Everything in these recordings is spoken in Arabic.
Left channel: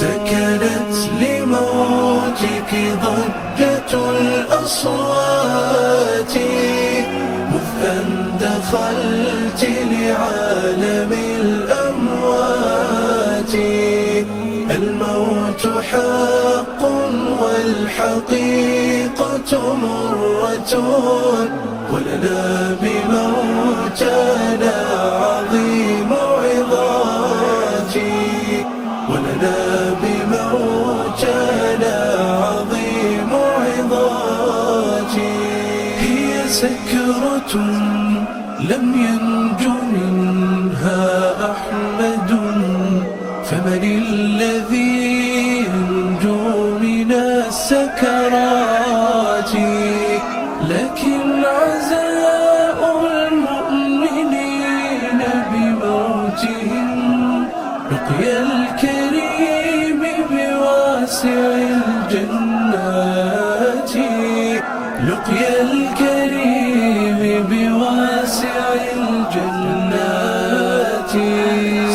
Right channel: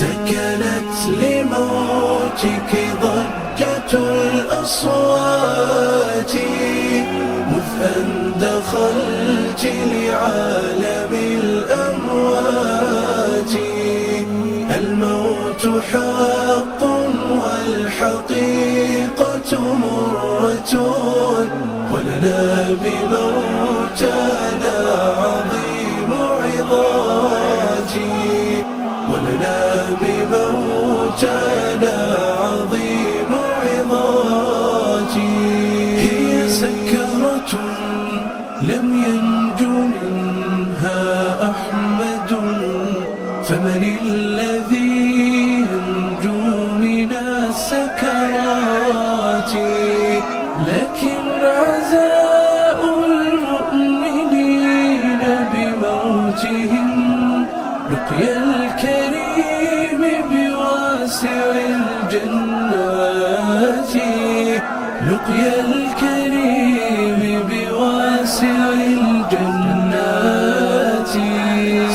سكنت لموتك ضجة الأصوات مذ أن دخلت لعالم الأموات. الموت حق والحقيقة مرة، ولنا بموتنا عظيم عظاتي، ولنا بموتنا عظيم عظاتي. هي سكرة لم ينج منها أحمد، فمن الذي ينجو من السكرات؟ لكن عزاء المؤمنين بموتهم لقيا الكريم بواسع الجنات، لقيا الكريم بواسع الجنات.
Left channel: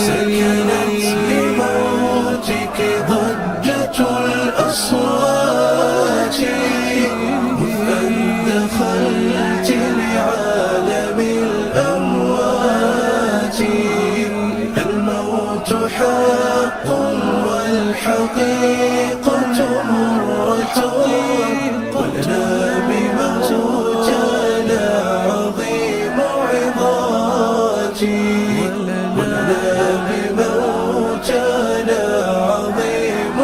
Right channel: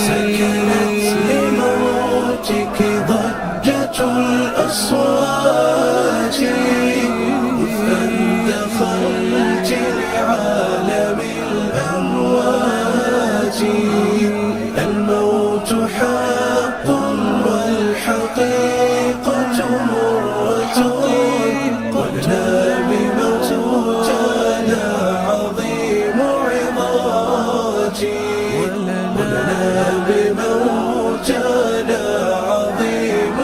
سكنت لموتك ضجة الأصوات مذ أن دخلت لعالم الأموات. الموت حق والحقيقة مرة، ولنا بموتنا عظيم عظاتي، ولنا بموتنا عظيم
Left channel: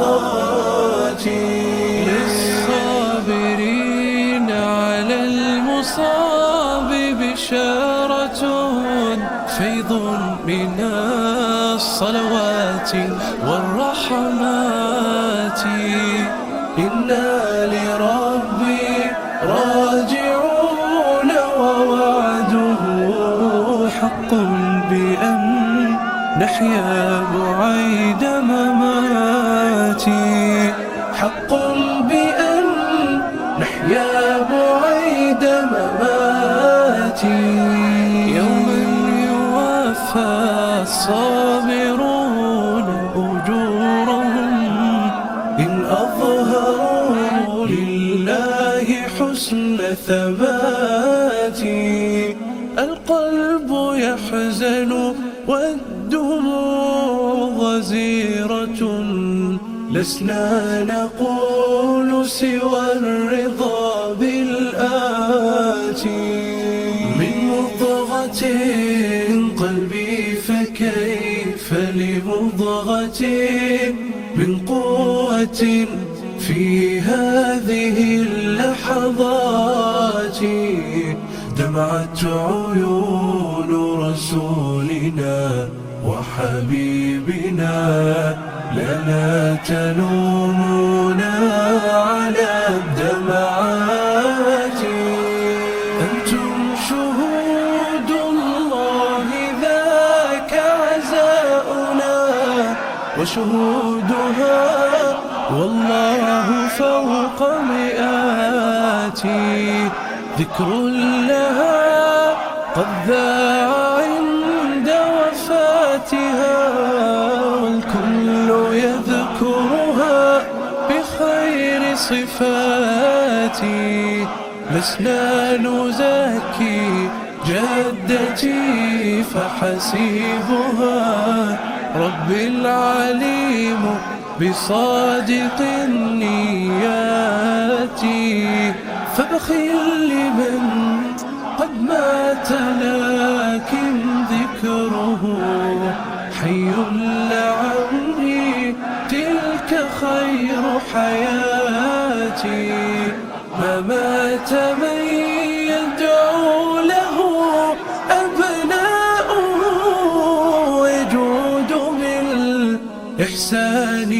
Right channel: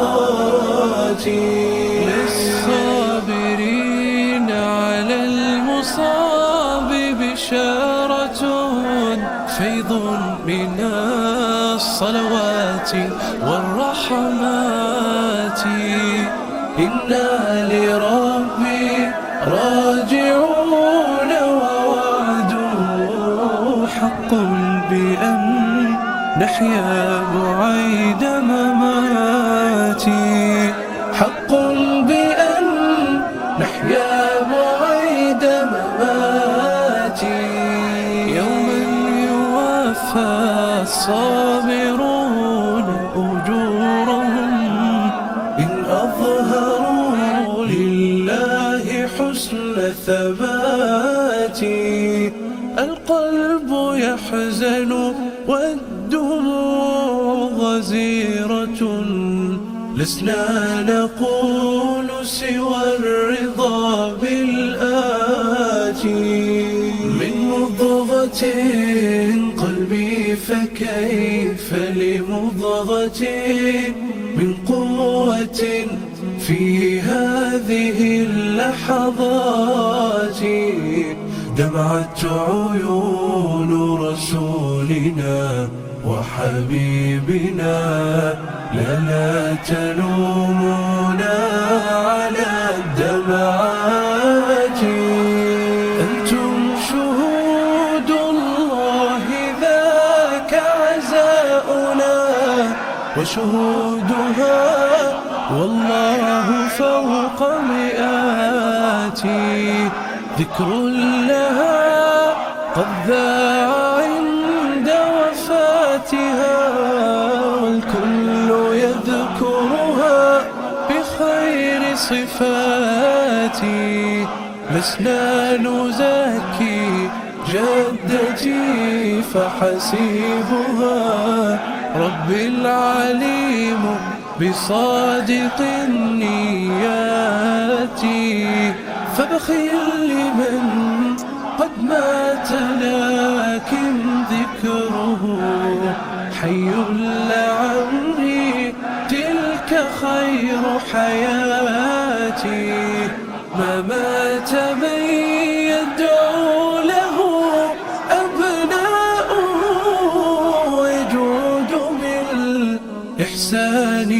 عظاتي. للصابرين على المصاب بشارة، فيض من الصلوات والرحمات. إنا لربي راجعون ووعده حق، بأن نحيا بعيد مماتي، حق بأن نحيا بعيد مماتي. يوما يوفى الصابرون أجورهم إن أظهروا لله حسن ثبات. القلب يحزن والدموع غزيرة، لسنا نقول سوى الرضا بالآتي. من مضغة قلبي فكيف لمضغة من قوة في هذه اللحظات. دمعت عيون رسولنا وحبيبنا، لا تلومونا على الدمعات. أنتم شهود الله ذاك عزاؤنا، وشهودها والله فوق مئات. ذكر لها قد ذاع عند وفاتها، والكل يذكرها بخير صفاتي. لسنا نزكي جدتي فحسيبها ربي العليم بصادق النيات. فبخل لمن قد مات لكن ذكره حي لعمري، تلك خير حياتي. ما مات من يدعو له أبناؤه، ويجود بالإحسان